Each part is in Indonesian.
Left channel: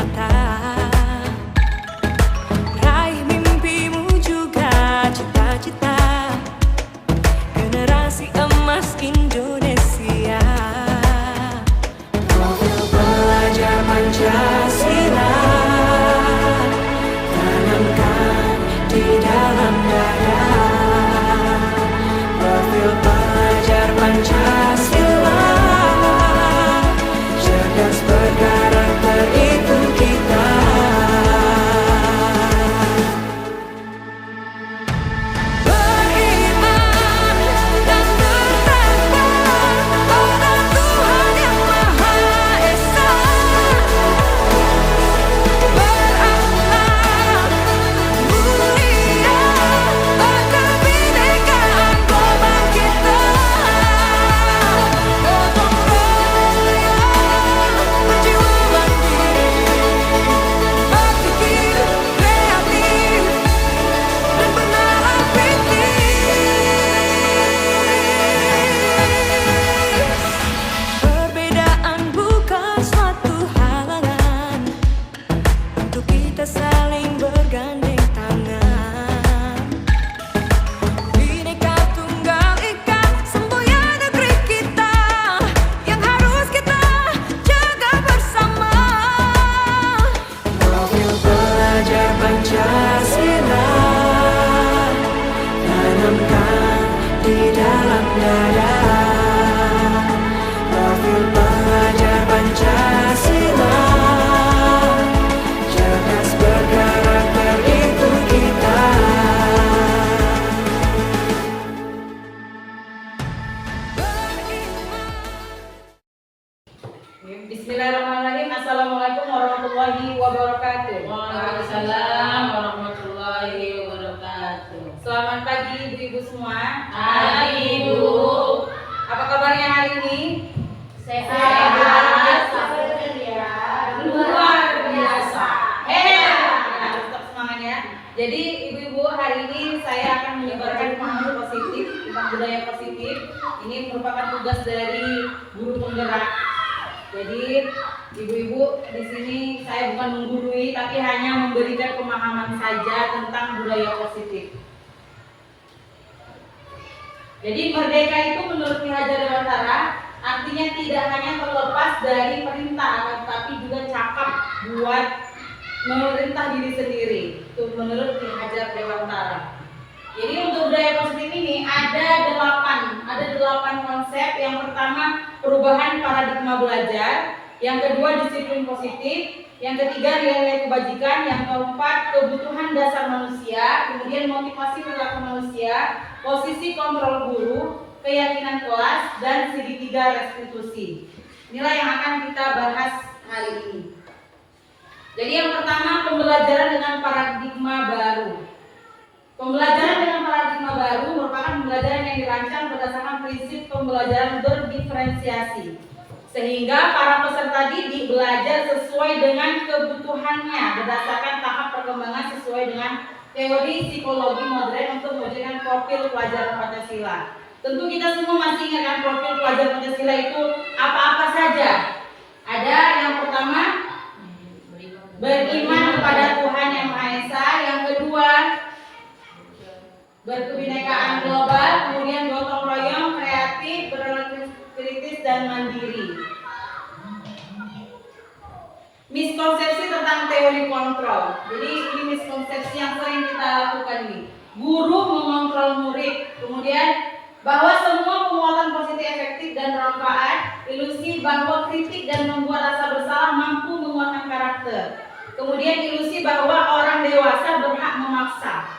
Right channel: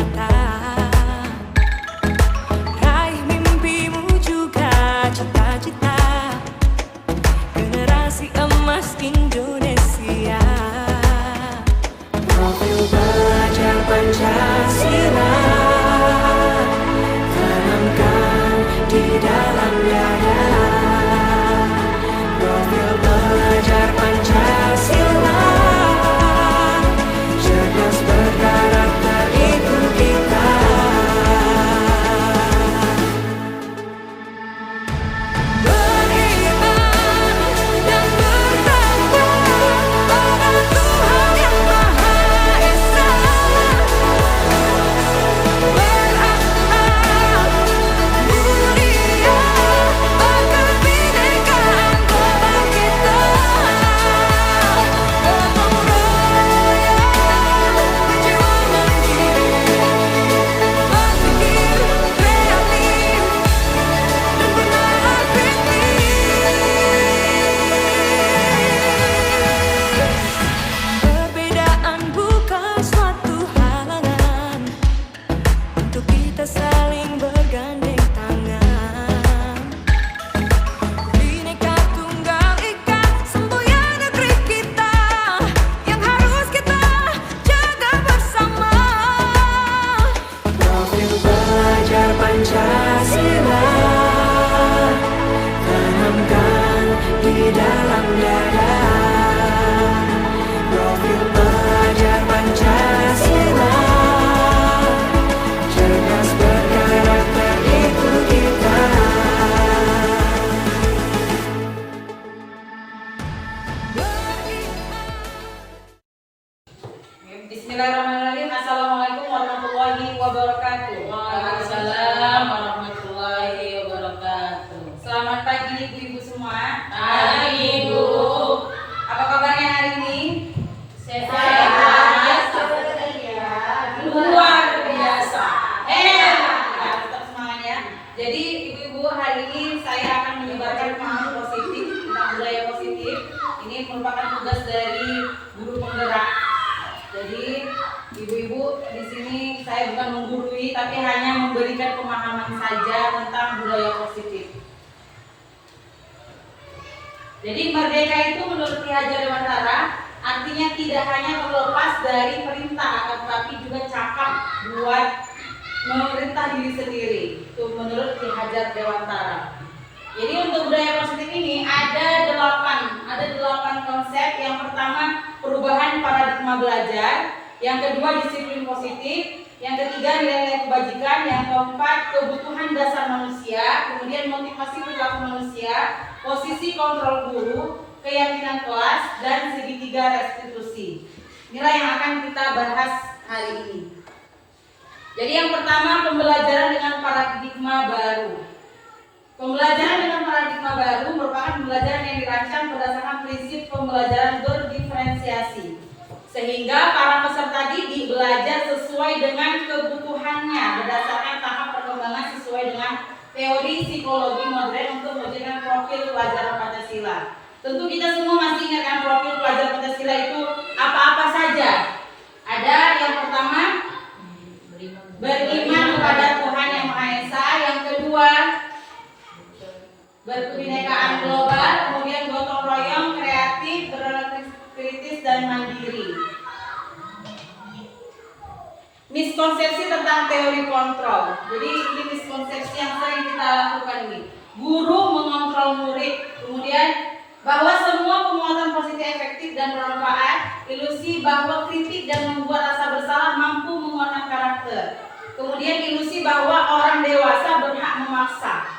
nyata. Raih mimpimu juga cita-cita, generasi emas Indonesia. Profil pelajar Pancasila tanamkan di dalam dada. Profil pelajar Pancasila, cerdas berkarakter itu kita. Beriman dan bertakwa pada Tuhan yang Maha Esa, berakhlak mulia, berkebinekaan global kita. Gotong royong, berjiwa mandiri, berpikir kreatif dan bernalar kritis. Perbedaan bukan suatu halangan untuk kita saling bergandeng tangan. Bhinneka Tunggal Ika, semboyan negeri kita yang harus kita jaga bersama. Profil pelajar Pancasila tanamkan di dalam dada. Profil pelajar Pancasila, cerdas berkarakter itu kita. Bismillahirrahmanirrahim. Assalamualaikum warahmatullahi wabarakatuh. Waalaikumsalam warahmatullahi wabarakatuh. Selamat pagi ibu-ibu semua. Pagi, Ibu. Apa kabarnya hari ini? Sehat. Luar biasa. Tetap semangat ya. Jadi ibu-ibu, hari ini saya akan menyebarkan pemahaman positif tentang budaya positif. Ini merupakan tugas dari guru penggerak. Jadi ibu-ibu, di sini saya bukan menggurui tapi hanya memberikan pemahaman saja tentang budaya positif. Jadi merdeka itu menurut Ki Hajar Dewantara artinya tidak hanya terlepas dari perintah, akan tetapi juga cakap buat memerintah diri sendiri. Itu menurut Ki Hajar Dewantara. Jadi untuk budaya positif ini ada delapan konsep. Yang pertama, perubahan paradigma belajar. Yang kedua, disiplin positif. Yang ketiga, nilai kebajikan. Yang keempat, kebutuhan dasar manusia. Kemudian motivasi perilaku manusia, posisi kontrol guru, keyakinan kelas, dan segitiga restitusi. Inilah yang akan kita bahas hari ini. Jadi yang pertama, pembelajaran dengan paradigma baru. Pembelajaran dengan paradigma baru merupakan pembelajaran yang dirancang berdasarkan prinsip pembelajaran berdiferensiasi, sehingga para peserta didik belajar sesuai dengan kebutuhannya berdasarkan tahap perkembangan sesuai dengan teori psikologi modern untuk mewujudkan profil pelajaran Pancasila. Tentu kita semua masih ingat kan profil pelajaran Pancasila itu apa-apa saja. Ada yang pertama, beriman kepada Tuhan Yang Maha Esa. Yang kedua, berkebinekaan global. Kemudian gotong royong, kreatif, berpikir kritis, dan mandiri. Miskonsepsi tentang teori kontrol. Jadi ini miskonsepsi yang sering kita lakukan ini. Guru mengontrol murid. Kemudian bahwa semua penguatan positif efektif dan bermanfaat. Ilusi bahwa kritik dan membuat rasa bersalah mampu menguatkan karakter. Kemudian ilusi bahwa orang dewasa berhak memaksa.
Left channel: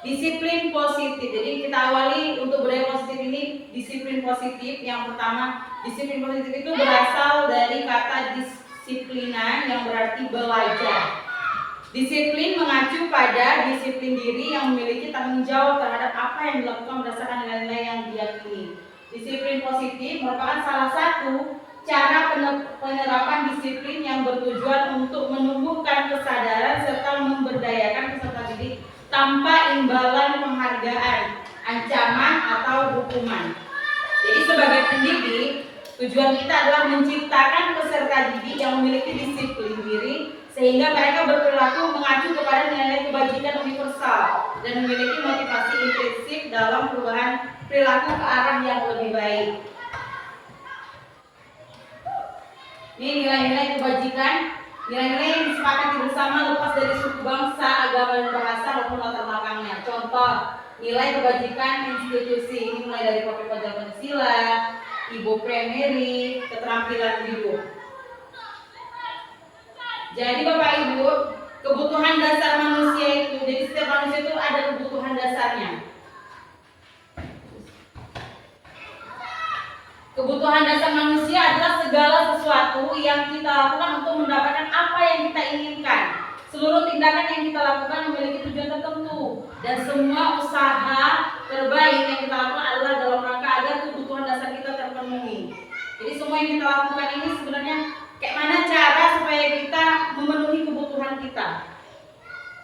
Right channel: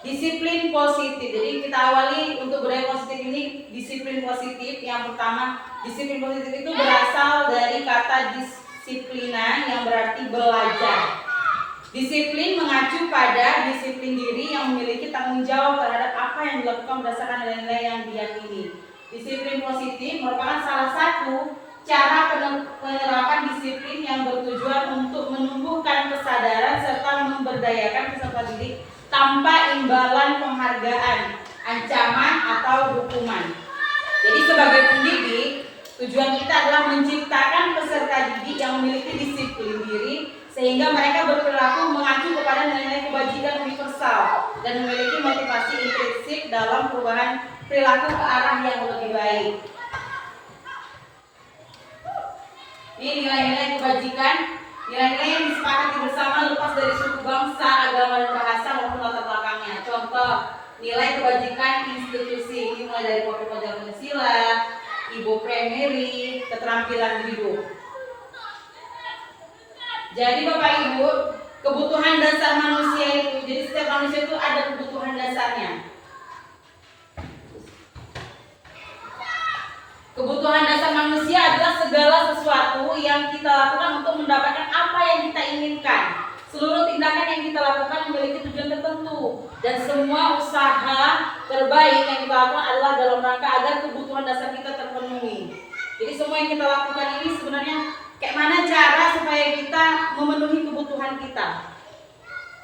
Disiplin positif. Jadi kita awali untuk budaya positif ini disiplin positif. Yang pertama, disiplin positif itu berasal dari kata disiplina yang berarti belajar. Disiplin mengacu pada disiplin diri yang memiliki tanggung jawab terhadap apa yang dilakukan berdasarkan nilai-nilai yang diyakini. Disiplin positif merupakan salah satu cara penerapan disiplin yang bertujuan untuk menumbuhkan kesadaran serta memberdayakan peserta didik tanpa imbalan penghargaan, ancaman, atau hukuman. Jadi sebagai pendidik, Tujuan kita adalah menciptakan peserta didik yang memiliki disiplin diri sehingga mereka berperilaku mengacu kepada nilai-nilai kebajikan universal dan memiliki motivasi intrinsik dalam perubahan perilaku ke arah yang lebih baik. Ini nilai-nilai kebajikan, nilai-nilai yang disepakati bersama lepas dari suku bangsa, agama, dan bahasa maupun latar belakangnya. Contoh, nilai kebajikan institusi ini mulai dari Pokok Pancasila, Ibu Primary, keterampilan hidup. Jadi Bapak Ibu, kebutuhan dasar manusia itu, jadi setiap manusia itu ada kebutuhan dasarnya. Kebutuhan dasar manusia adalah segala sesuatu yang kita lakukan untuk mendapatkan apa yang kita inginkan. Seluruh tindakan yang kita lakukan memiliki tujuan tertentu dan semua usaha terbaik yang kita lakukan adalah dalam rangka agar kebutuhan dasar kita terpenuhi. Jadi semua yang kita lakukan ini sebenarnya kayak mana cara supaya kita memenuhi kebutuhan kita.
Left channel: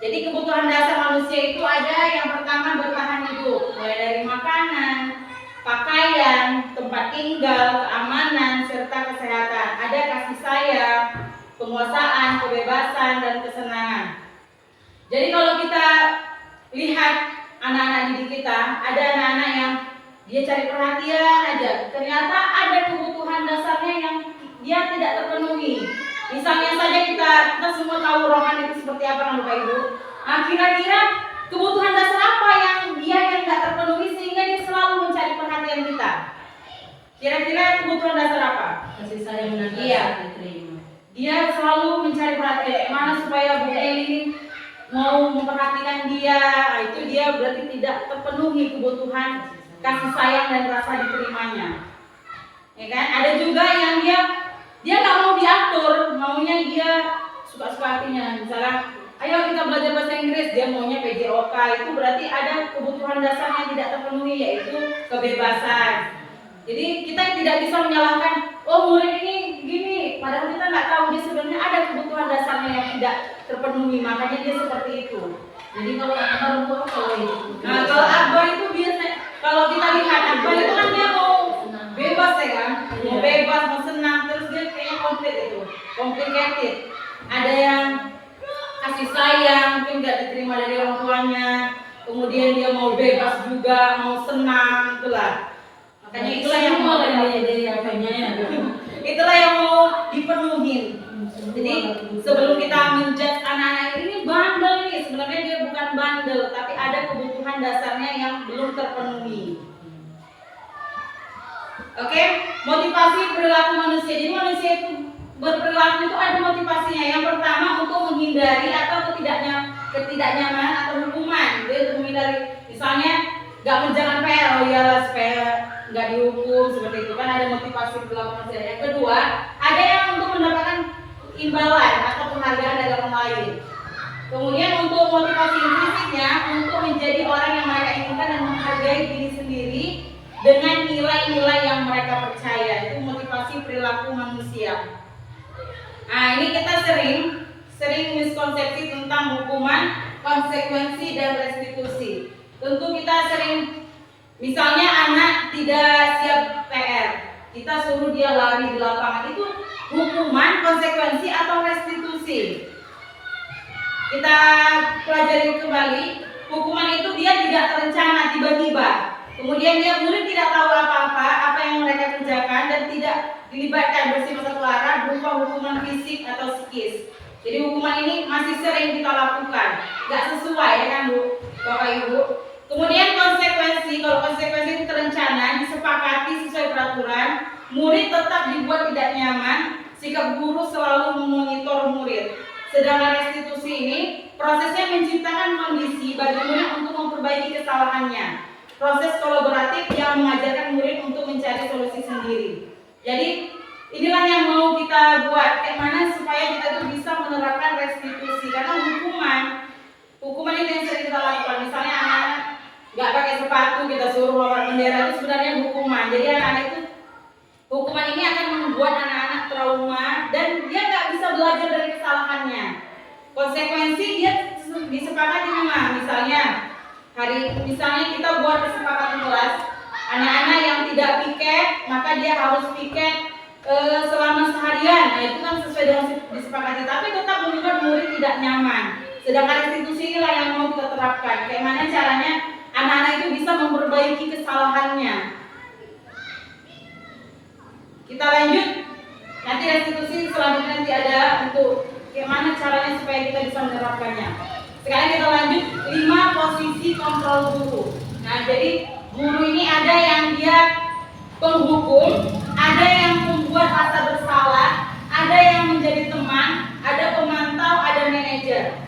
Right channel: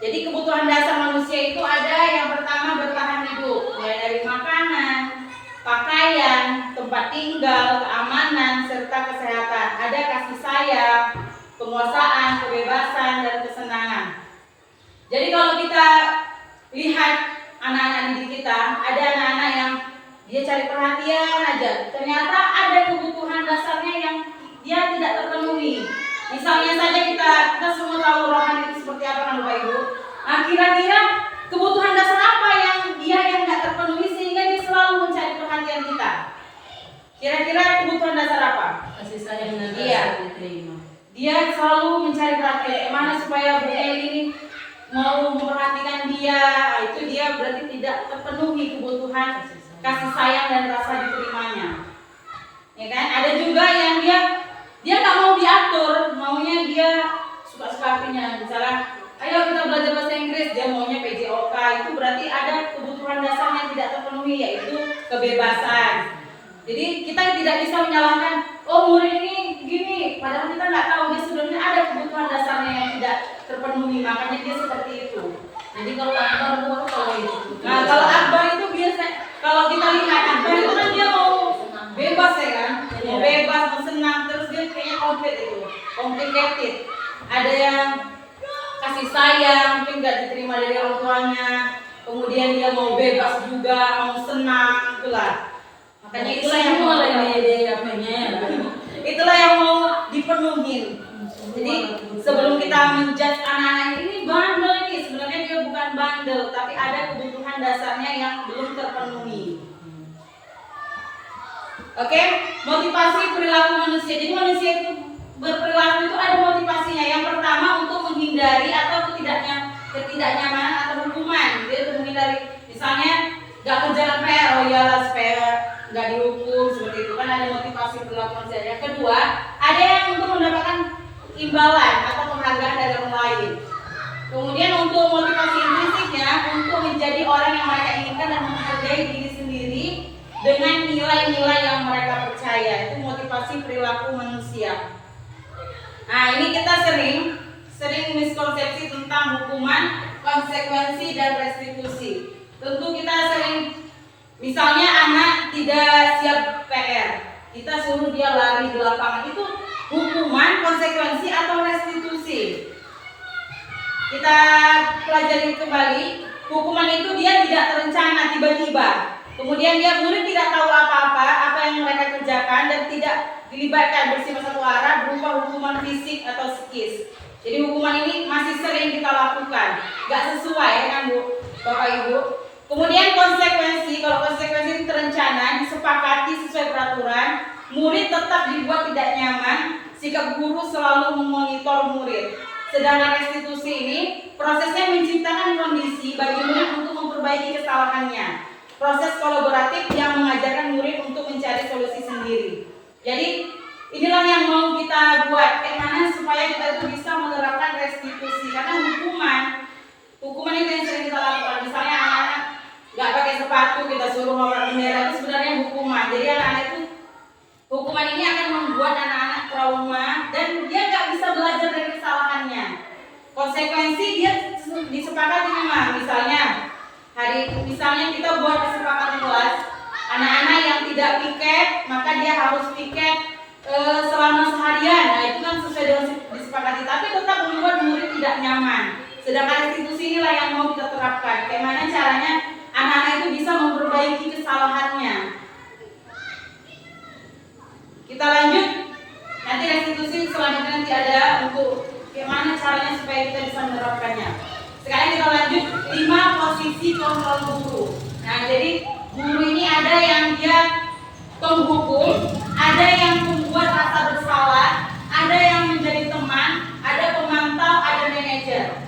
Jadi kebutuhan dasar manusia itu ada yang pertama bertahan hidup, mulai dari makanan, pakaian, tempat tinggal, keamanan, serta kesehatan. Ada kasih sayang, penguasaan, kebebasan, dan kesenangan. Jadi kalau kita lihat anak-anak didik kita, ada anak-anak yang dia cari perhatian aja. Ternyata ada kebutuhan dasarnya yang dia tidak terpenuhi. Misalnya saja kita semua tahu rohani itu seperti apa kan Bapak Ibu. Nah, kira-kira kebutuhan dasar apa yang dia nggak terpenuhi sehingga dia selalu mencari perhatian kita? Kira-kira kebutuhan dasar apa? Kasih sayang dan Iya. rasa diterima. Dia selalu mencari perhatian. Mana supaya Bu Eli ini mau memperhatikan dia? Nah, itu dia berarti tidak terpenuhi kebutuhan kasih sayang dan rasa diterimanya. Ya kan? Ada juga yang dia nggak mau diatur, maunya dia suka-suka hatinya. Misalnya, ayo kita belajar bahasa Inggris, dia maunya PJOK. Itu berarti ada kebutuhan dasar yang tidak terpenuhi, yaitu kebebasan. Jadi kita tidak bisa menyalahkan, oh murid ini gini, padahal kita nggak tahu dia sebenarnya ada kebutuhan dasarnya yang tidak terpenuhi, makanya dia seperti itu. Jadi kalau akbar itu apa kalau itu? Nah kalau akbar itu biasa, kalau kita lihat akbar itu kan dia mau bebas ya kan, mau bebas, mau senang, terus dia kayaknya complicated. Ada yang kasih sayang, mungkin nggak diterima dari orang tuanya, kemudian dia mau bebas juga, mau senang, itulah. Makanya itulah yang mau itulah yang mau dipenuhin. Jadi sebelum kita menjudge anak-anak ini bandel ini, sebenarnya dia bukan bandel, tapi ada kebutuhan dasarnya yang belum terpenuhi. Oke, motivasi perilaku manusia. Jadi manusia itu berperilaku itu ada motivasinya. Yang pertama untuk menghindari atau ketidaknyamanan atau hukuman. Dia untuk menghindari, misalnya nggak menjalankan PR, oh iyalah supaya nggak dihukum, seperti itu kan ada motivasi perilaku manusia. Yang kedua, ada yang untuk mendapatkan imbalan atau penghargaan dari orang lain. Kemudian untuk motivasi intrinsiknya untuk menjadi orang yang mereka inginkan dan menghargai diri sendiri dengan nilai-nilai yang mereka percaya. Itu motivasi perilaku manusia. Nah, ini kita sering miskonsepsi tentang hukuman, konsekuensi, dan restitusi. Tentu kita sering, misalnya anak tidak siap PR, kita suruh dia lari di lapangan, itu hukuman, konsekuensi, atau restitusi. Kita pelajari kembali, hukuman itu dia tidak terencana, tiba-tiba. Kemudian dia murid tidak tahu apa-apa, apa yang mereka kerjakan, dan tidak dilibatkan bersifat satu arah berupa hukuman fisik atau psikis. Jadi hukuman ini masih sering kita lakukan, nggak sesuai ya kan Bu, Bapak Ibu. Kemudian konsekuensi, kalau konsekuensi itu terencana, disepakati sesuai peraturan, murid tetap dibuat tidak nyaman, sikap guru selalu memonitor murid. Sedangkan restitusi ini prosesnya menciptakan kondisi bagi murid untuk memperbaiki kesalahannya. Proses kolaboratif yang mengajarkan murid untuk mencari solusi sendiri. Jadi inilah yang mau kita buat, kayak mana supaya kita itu bisa menerapkan restitusi. Karena hukuman itu yang sering kita lakukan. Misalnya anak-anak nggak pakai sepatu, kita suruh bawa bendera, itu sebenarnya hukuman. Jadi anak-anak itu, hukuman ini akan membuat anak-anak trauma dan dia nggak bisa belajar dari kesalahannya. Konsekuensi dia disepakati memang, misalnya kita buat kesepakatan kelas, anak-anak yang tidak piket maka dia harus piket disepakati, tapi tetap membuat murid tidak nyaman. Sedangkan restitusi inilah yang mau kita terapkan. Bagaimana caranya anak-anak itu bisa memperbaiki kesalahannya. Kita lanjut. Nanti restitusi selanjutnya nanti ada untuk bagaimana caranya supaya kita bisa menerapkannya. Sekarang kita lanjut 5 posisi kontrol guru. Nah, jadi guru ini ada yang dia penghukum, ada yang membuat rasa bersalah, ada yang menjadi teman, ada pemantau, ada manajer.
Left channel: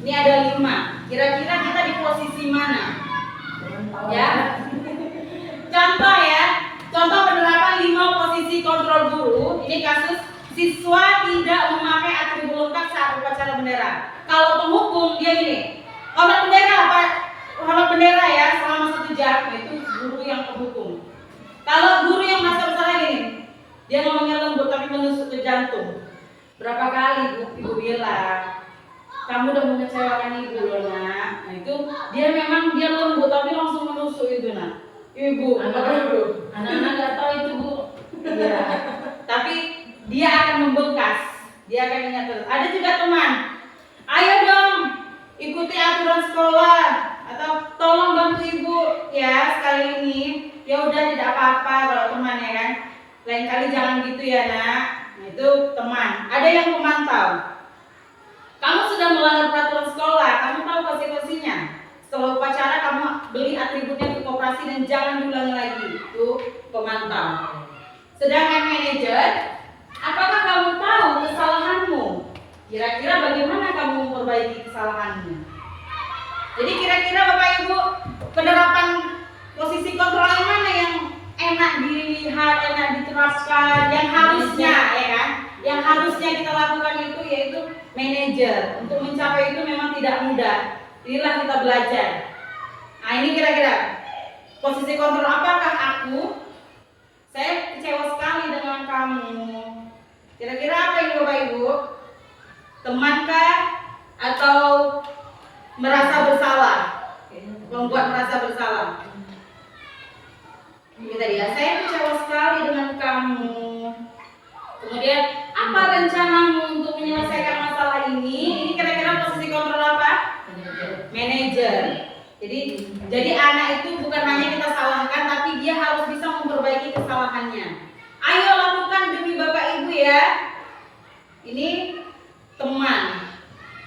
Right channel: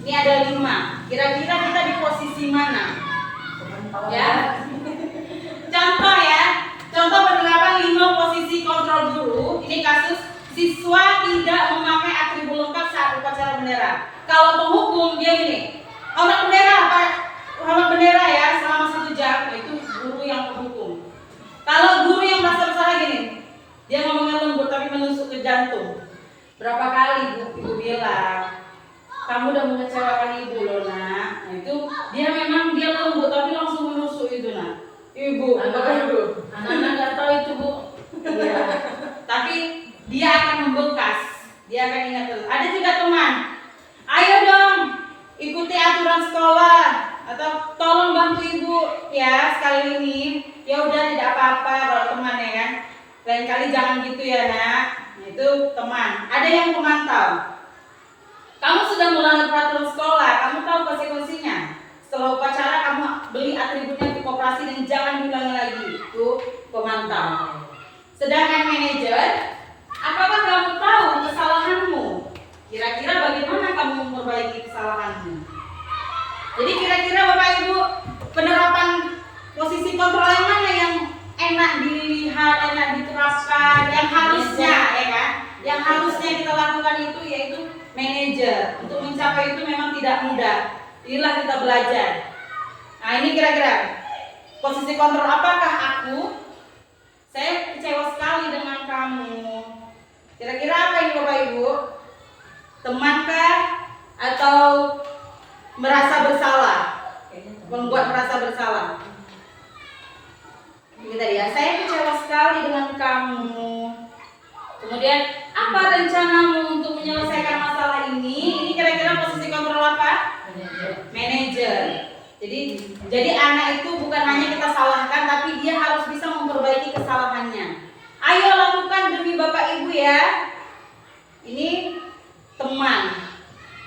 Ini ada 5. Kira-kira kita di posisi mana? Ya. Contoh ya. Contoh penerapan 5 posisi kontrol guru. Ini kasus siswa tidak memakai atribut lengkap saat upacara bendera. Kalau penghukum dia gini, hormat bendera apa? Hormat bendera ya selama 1 jam. Itu guru yang penghukum. Kalau guru yang merasa bersalah gini, dia ngomongnya lembut tapi menusuk ke jantung. Berapa kali ibu bilang, kamu udah mengecewakan ibu loh nak. Nah itu dia memang dia lembut tapi langsung menusuk itu nak. Ibu, apakah ibu? Anak-anak nggak tahu itu bu. Iya. Tapi dia akan membekas, dia akan ingat terus. Ada juga teman, ayo dong ikuti aturan sekolah atau tolong bantu ibu ya sekali ini. Ya udah tidak apa-apa kalau teman ya kan. Lain kali jangan gitu ya nak. Nah, itu teman. Ada yang memantau. Kamu sudah melanggar peraturan sekolah, kamu tahu konsekuensinya. Setelah upacara kamu beli atributnya ke koperasi dan jangan diulangi lagi. Itu pemantau. Sedangkan manajer, apakah kamu tahu kesalahanmu? Kira-kira bagaimana kamu memperbaiki kesalahanmu? Jadi kira-kira Bapak Ibu, penerapan posisi kontrol yang mana yang enak dilihat, enak diterapkan, yang harusnya ya kan? Yang harusnya kita lakukan itu yaitu manajer. Untuk mencapai itu memang tidak mudah. Inilah kita belajar. Nah ini kira-kira posisi kontrol apakah aku? Saya kecewa sekali dengan kamu. Kira-kira apa ini Bapak Ibu? Temankah atau merasa bersalah? Membuat merasa bersalah. Ini tadi ya, saya kecewa sekali dengan kamu. Kemudian apa rencanamu untuk menyelesaikan masalah ini? Ini kira-kira posisi kontrol apa? Manajer. Jadi anak itu bukan hanya kita salahkan, tapi dia harus bisa memperbaiki kesalahannya. Ayo lakukan demi Bapak Ibu ya. Ini teman.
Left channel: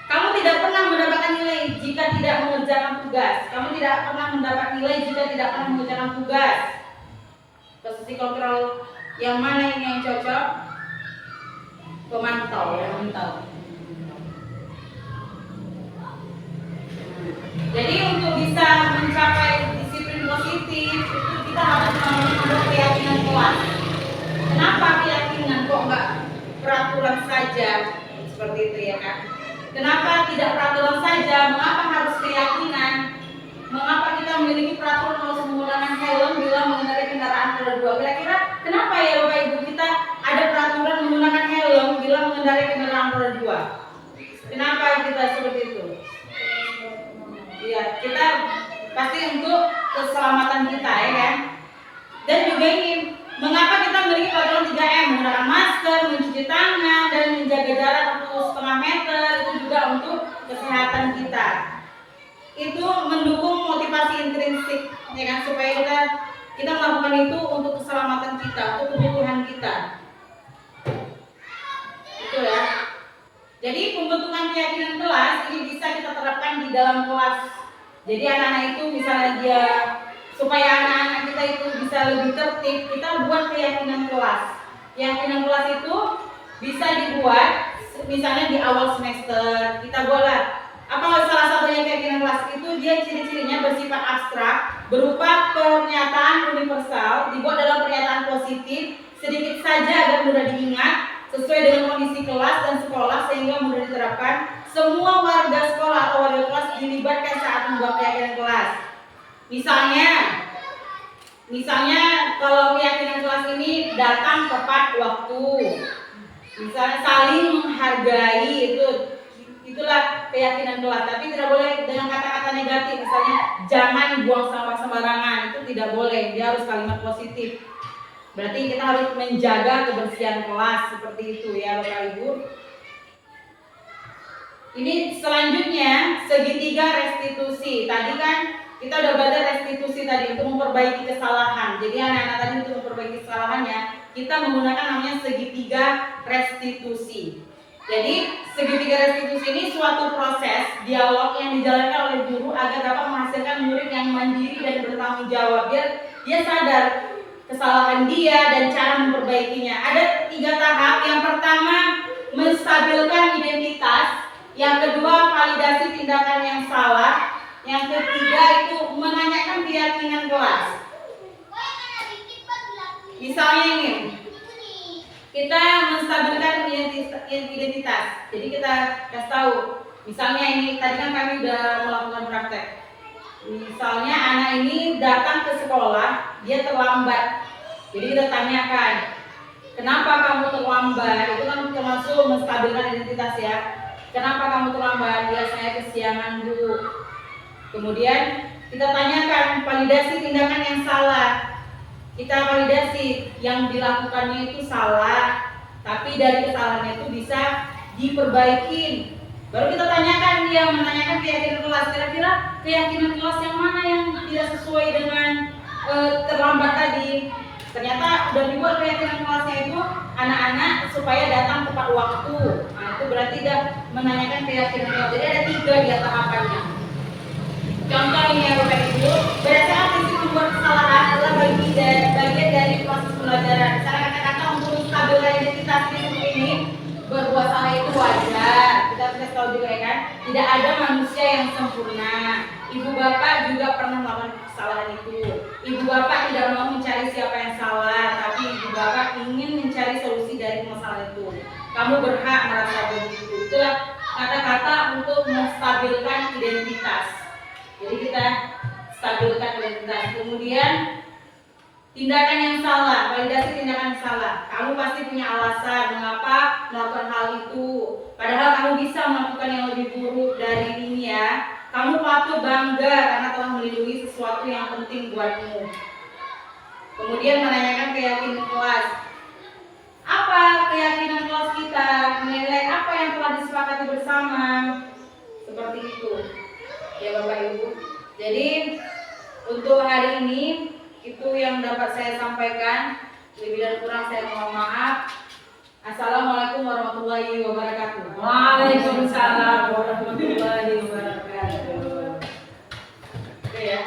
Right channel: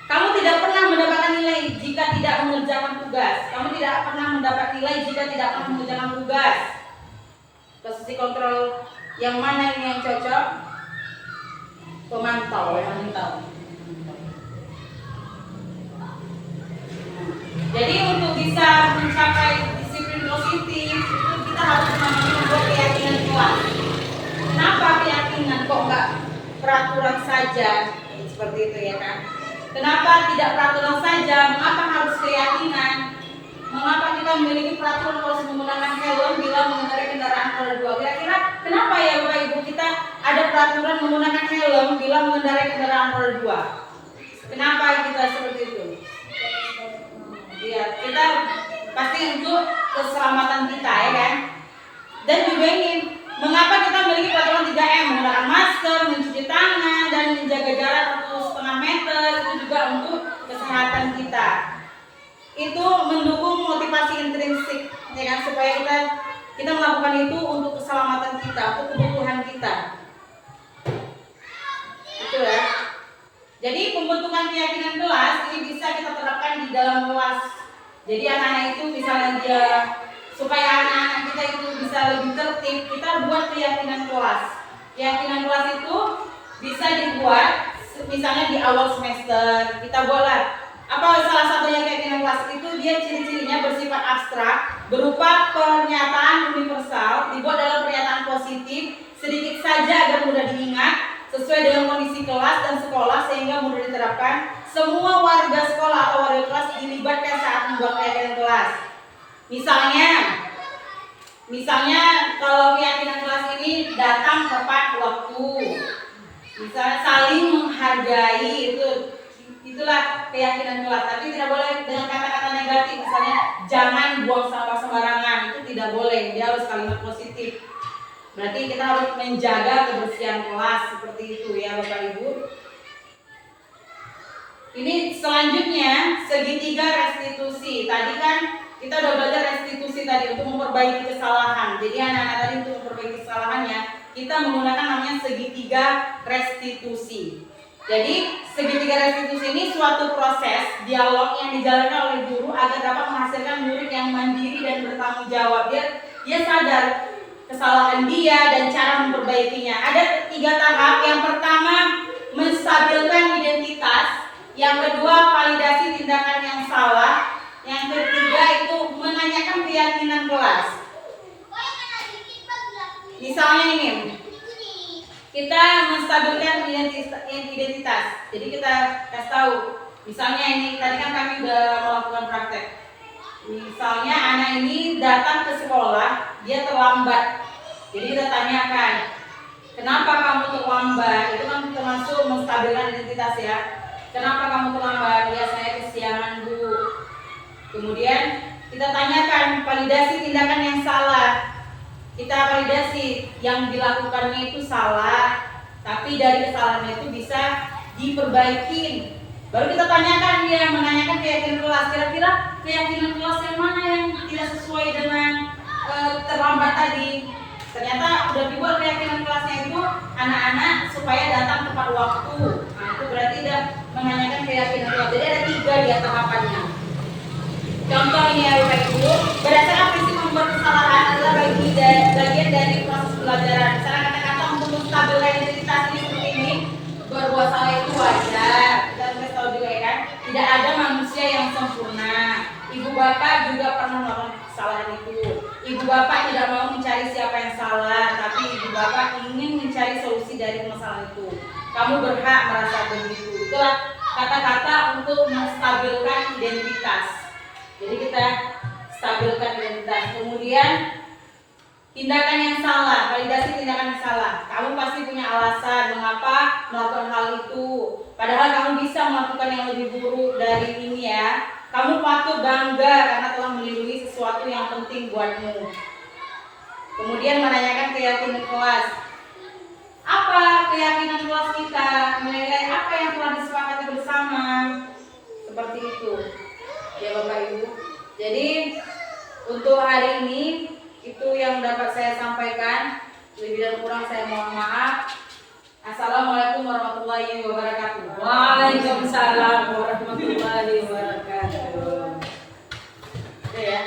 Kamu tidak pernah mendapatkan nilai jika tidak mengerjakan tugas. Kamu tidak pernah mendapat nilai jika tidak pernah mengerjakan tugas. Posisi kontrol yang mana ini yang cocok? Pemantau, yang memantau. Jadi untuk bisa mencapai disiplin positif itu kita harus membuat keyakinan kuat. Kenapa keyakinan kok enggak peraturan saja? Seperti itu ya kan? Kenapa tidak peraturan saja? Mengapa harus keyakinan? Mengapa kita memiliki peraturan harus menggunakan helm bila mengendarai kendaraan roda 2? Kira-kira kenapa ya Bapak Ibu kita ada peraturan menggunakan helm bila mengendarai kendaraan roda 2? Kenapa kita seperti itu? Iya, kita pasti untuk keselamatan kita ya kan. Dan juga ingin mengapa kita memiliki peraturan 3M, menggunakan masker, mencuci tangan, dan menjaga jarak 1,5 meter, itu juga untuk kesehatan kita. Itu mendukung motivasi intrinsik, ya kan, supaya kita melakukan itu untuk keselamatan kita, untuk kebutuhan kita. Itu ya. Jadi pembentukan keyakinan kelas ini bisa kita terapkan di dalam kelas. Jadi anak-anak itu misalnya supaya anak-anak kita itu bisa lebih tertib, kita buat keyakinan kelas. Keyakinan kelas itu bisa dibuat misalnya di awal semester. Kita buatlah apa salah satunya keyakinan kelas itu dia ciri-cirinya bersifat abstrak, berupa pernyataan universal, dibuat dalam pernyataan positif, sedikit saja agar mudah diingat, sesuai dengan kondisi kelas dan sekolah sehingga mudah diterapkan. Semua warga sekolah atau warga kelas dilibatkan saat membuat keyakinan kelas. Misalnya kalau keyakinan kelas ini datang tepat waktu, misalnya saling menghargai, itulah keyakinan kelas. Tapi tidak boleh dengan kata-kata negatif, misalnya jangan buang sampah sembarangan, itu tidak boleh. Dia harus kalimat positif. Berarti kita harus menjaga kebersihan kelas seperti itu ya Bapak Ibu. Ini selanjutnya segitiga restitusi. Tadi kan kita udah belajar restitusi tadi untuk memperbaiki kesalahan. Jadi anak-anak tadi untuk memperbaiki kesalahannya kita menggunakan namanya segitiga restitusi. Jadi segitiga restitusi ini suatu proses dialog yang dijalankan oleh guru agar dapat menghasilkan murid yang mandiri dan bertanggung jawab. Biar dia sadar kesalahan dia dan cara memperbaikinya. Ada 3 tahap. Yang pertama menstabilkan identitas, yang kedua validasi tindakan yang salah, yang ketiga itu menanyakan keyakinan kelas. Misalnya ini, kita menstabilkan identitas. Jadi kita kasih tahu, misalnya ini tadi kan kami udah melakukan praktek. Misalnya anak ini datang ke sekolah, dia terlambat. Jadi kita tanyakan, kenapa kamu terlambat? Itu kan termasuk menstabilkan identitas ya. Kenapa kamu terlambat? Ya saya kesiangan Bu. Kemudian kita tanyakan validasi tindakan yang salah. Kita validasi yang dilakukannya itu salah, tapi dari kesalahannya itu bisa diperbaiki. Baru kita tanyakan dia, menanyakan keyakinan kelas. Kira-kira keyakinan kelas yang mana yang tidak sesuai dengan terlambat tadi? Ternyata udah dibuat keyakinan kelasnya itu anak-anak supaya datang tepat waktu. Nah itu berarti udah menanyakan keyakinan kelas. Jadi ada 3 dia tahapannya. Contoh ini ya Bapak Ibu, berdasarkan prinsip membuat kesalahan adalah bagian dari proses pembelajaran. Misalnya kata-kata untuk menstabilkan identitas ini seperti ini, berbuat salah itu wajar. Kita harus tahu juga ya kan, tidak ada manusia yang sempurna. Ibu bapak juga pernah melakukan kesalahan itu. Ibu bapak tidak mau mencari siapa yang salah, tapi ibu bapak ingin mencari solusi dari masalah itu. Kamu berhak merasa begitu. Itulah kata-kata untuk menstabilkan identitas. Jadi kita stabilkan identitas. Kemudian tindakan yang salah, validasi tindakan yang salah. Kamu pasti punya alasan mengapa melakukan hal itu. Padahal kamu bisa melakukan yang lebih buruk dari ini ya. Kamu patut bangga karena telah melindungi sesuatu yang penting buatmu. Kemudian menanyakan keyakinan kelas. Apa keyakinan kelas kita? Menilai apa yang telah disepakati bersama. Seperti itu. Ya Bapak Ibu. Jadi untuk hari ini itu yang dapat saya sampaikan. Lebih dan kurang saya mohon maaf. Assalamualaikum warahmatullahi wabarakatuh. Waalaikumsalam warahmatullahi wabarakatuh. Oke ya.